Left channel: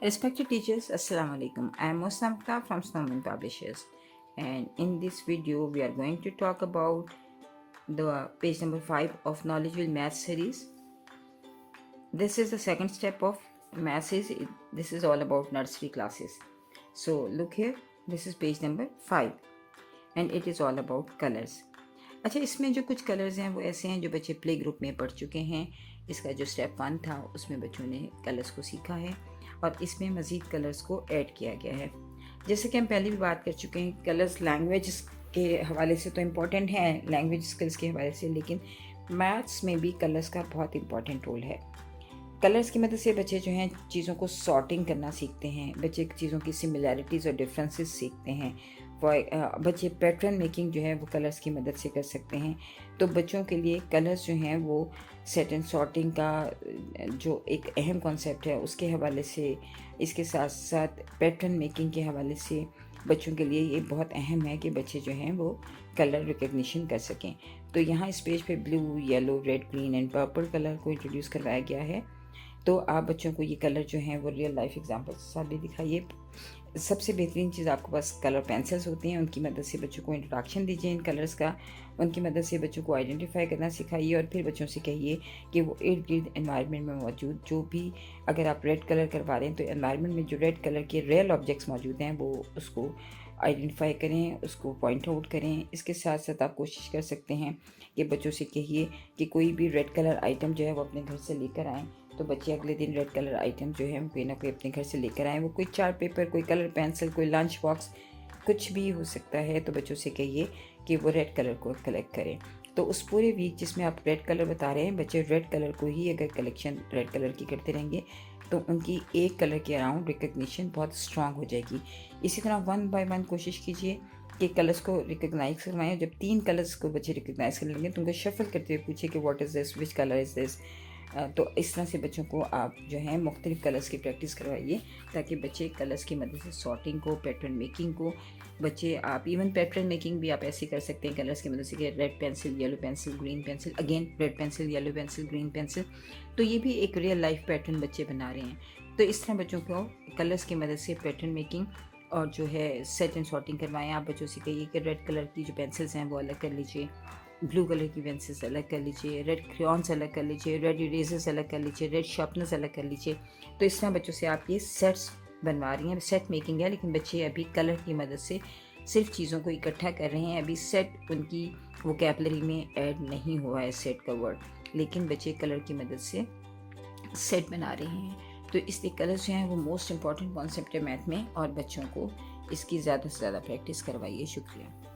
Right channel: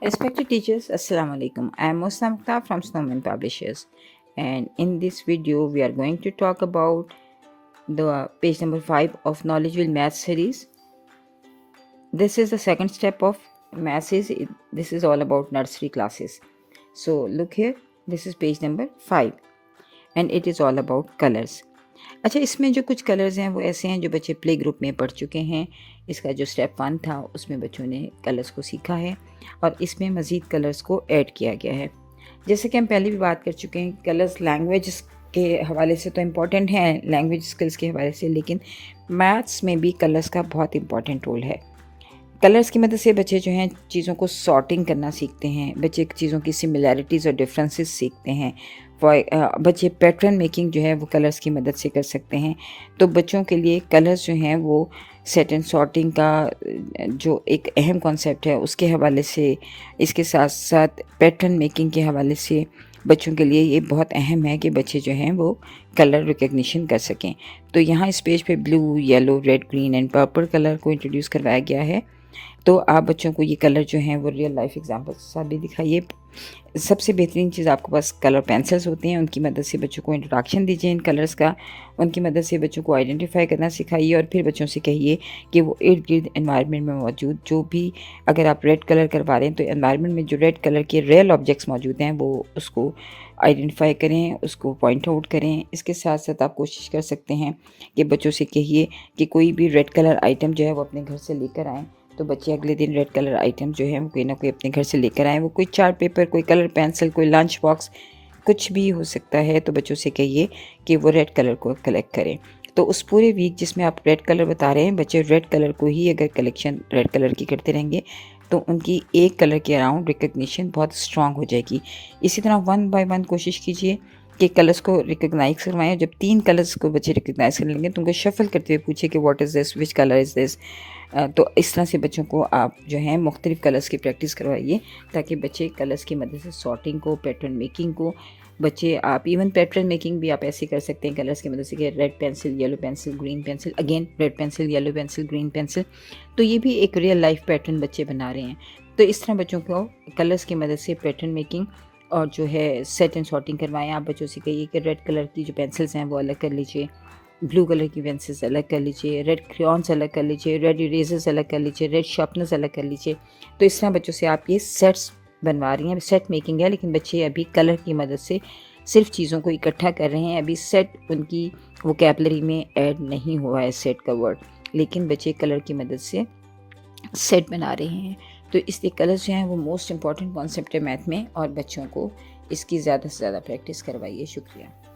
Respected teachers, Assalamu alaikum. I am Musna Mukhtar from Snowman Publishers, and in this video, we are going to talk about the page number 5 of Knowledgeville Math series. This is the second step of math. This is all about nursery classes. So, look here, this is page number 5, and it is all about colors. अच्छा, इसमें जो कुछ colours हैं वो ऐसे हैं जो बच्चे प्ले ग्रुप में पढ़ चुके हैं। इसका जो स्टेप 1 था उसमें बच्चों ने कलर्स को सीखा है और इसमें मज़ीद कलर्स को ऐड किया गया है। जैसे कि हम पहले भी बात कर चुके हैं, कलर्स लैंग्वेज के हवाले से तो इम्पॉर्टेंट हैं, लैंग्वेज स्किल्स के हवाले से, लेकिन मैथ्स में भी कलर्स का बहुत इम्पॉर्टेंट रोल है। कलर्स की मदद से बच्चे जो हैं चीज़ों को सॉर्टिंग करना सीखते हैं, बच्चे चीज़ों की सिमिलैरिटीज़ और डिफरेंसेस सीखते हैं। बच्चे पैटर्न मेकिंग जो है वो कलर्स की मदद से कर सकते हैं। तो बच्चों के लिए कलर्स जो हैं वो सेट एंड सॉर्टिंग का जो एक अहम कॉन्सेप्ट है उसके हवाले से, इसके साथ साथ पैटर्न मेकिंग के हवाले से बच्चों के लिए ये बहुत अहम है कि बच्चे जो हैं वो कलर रिकग्निशन कर सकें। तो यहाँ इस पेज पे blue, yellow, red, green and purple colour को इंट्रोड्यूस करवाया गया है। तो आप बच्चों को ये कलर जो हैं वो रियल लाइफ एग्जांपल के साथ भी दिखाइए। सबसे बेहतरीन चीज़ आपके पास कलर पेंसिल्स होती हैं, उनकी मदद से बच्चों को इंट्रोडक्शन दीजिए इन कलर्स का, उनकी मदद से बच्चों को आइडेंटिफाई करना सिखाइए और फिर बच्चों से कहिए कि वो इर्द गिर्द एनवायरनमेंट में मौजूद जो भी, अगर आप रेड कलर करवा रहे हैं तो एनवायरनमेंट में जो रेड कलर के रियल ऑब्जेक्ट्स मौजूद हैं वो उसको आइडेंटिफाई करें, उसको पॉइंट आउट करें। इसके साथ साथ आप कोशिश कर सकते हैं कि बच्चों से कहिए कि कोई भी रेड कलर आइटम जो है वो अपने घर से लेकर आएँ। तो बच्चे अगले दिन रेड कलर आइटम जो है वो कोई ना कोई अपने घर से लेकर आएँ। वो कोई चार्ट पेपर, कोई कलर पेंसिल, कोई लंच बॉक्स, कुछ भी हो सकता है। तो बच्चों से कहिए कि वो रेड कलर को कलेक्ट करें। तो उस पूरे वीक जिसमें आप रेड कलर बता रहे हैं, बच्चे रेड कलर को ही अगर कलेक्शन रेड कलर की करते रहेंगे तो उनकी एक कलर के अराउंड रिकग्निशन बहुत स्ट्रांग हो जाएगी। इसी तरह 1 बाय 1 कोशिश कीजिए कि कलर्स को रिकग्नाइज करवाएं। जब 3 कलर्स को बच्चे रिकग्नाइज कर लेंगे तो उनको शफल करते हुए पूछे कि what is this, which colour is this. तो इस तरह से बच्चों को आप जो है मुख्तलिफ कलर्स की प्रैक्टिस करवाइए ताकि बच्चे कलर्स की मदद से सॉर्टिंग को, पैटर्न मेकिंग को, बच्चे आप इवन पैटर्न मेकिंग भी आप ऐसे कर सकते हैं कलर्स की मदद से कि red pencil, yellow pencil, green pencil, again red pencil, yellow pencil, green pencil. तो ये भी एक रियल लाइफ पैटर्न बच्चे बना रहे हैं। तो इस तरह बच्चों को कलर्स की मदद से पैटर्न मेकिंग और जो है सेट एंड सॉर्टिंग करवाएं। आप बच्चों से कहिए कि रेड कलर की जो पेंसिल्स हैं वो अलग कर लीजिए, ब्लू कलर की पेंसिल्स अलग कर लीजिए, रेड क्रेयॉन्स अलग कर लीजिए, रेड इरेजर्स अलग कर लीजिए, रेड शार्पनर्स अलग कर लीजिए। तो इस तरह बच्चों से आप ये सेट्स बनवा रही हैं। सेट मेकिंग है, लेकिन बच्चे अभी कलर की मदद से सिर्फ चीज़ों को इकट्ठा कर रहे हैं। अभी सेट उनकी वोकैबुलरी में ऐड नहीं हुआ है सेट का वर्ड, लेकिन बच्चे कलर की मदद से सेट बना रहे हैं। तो इसलिए कलर्स जो हैं वो मोस्ट इम्पॉर्टेंट कॉन्सेप्ट है मैथ में, और बच्चों को इसकी ज़्यादा से ज़्यादा प्रैक्टिस करवाइए। शुक्रिया।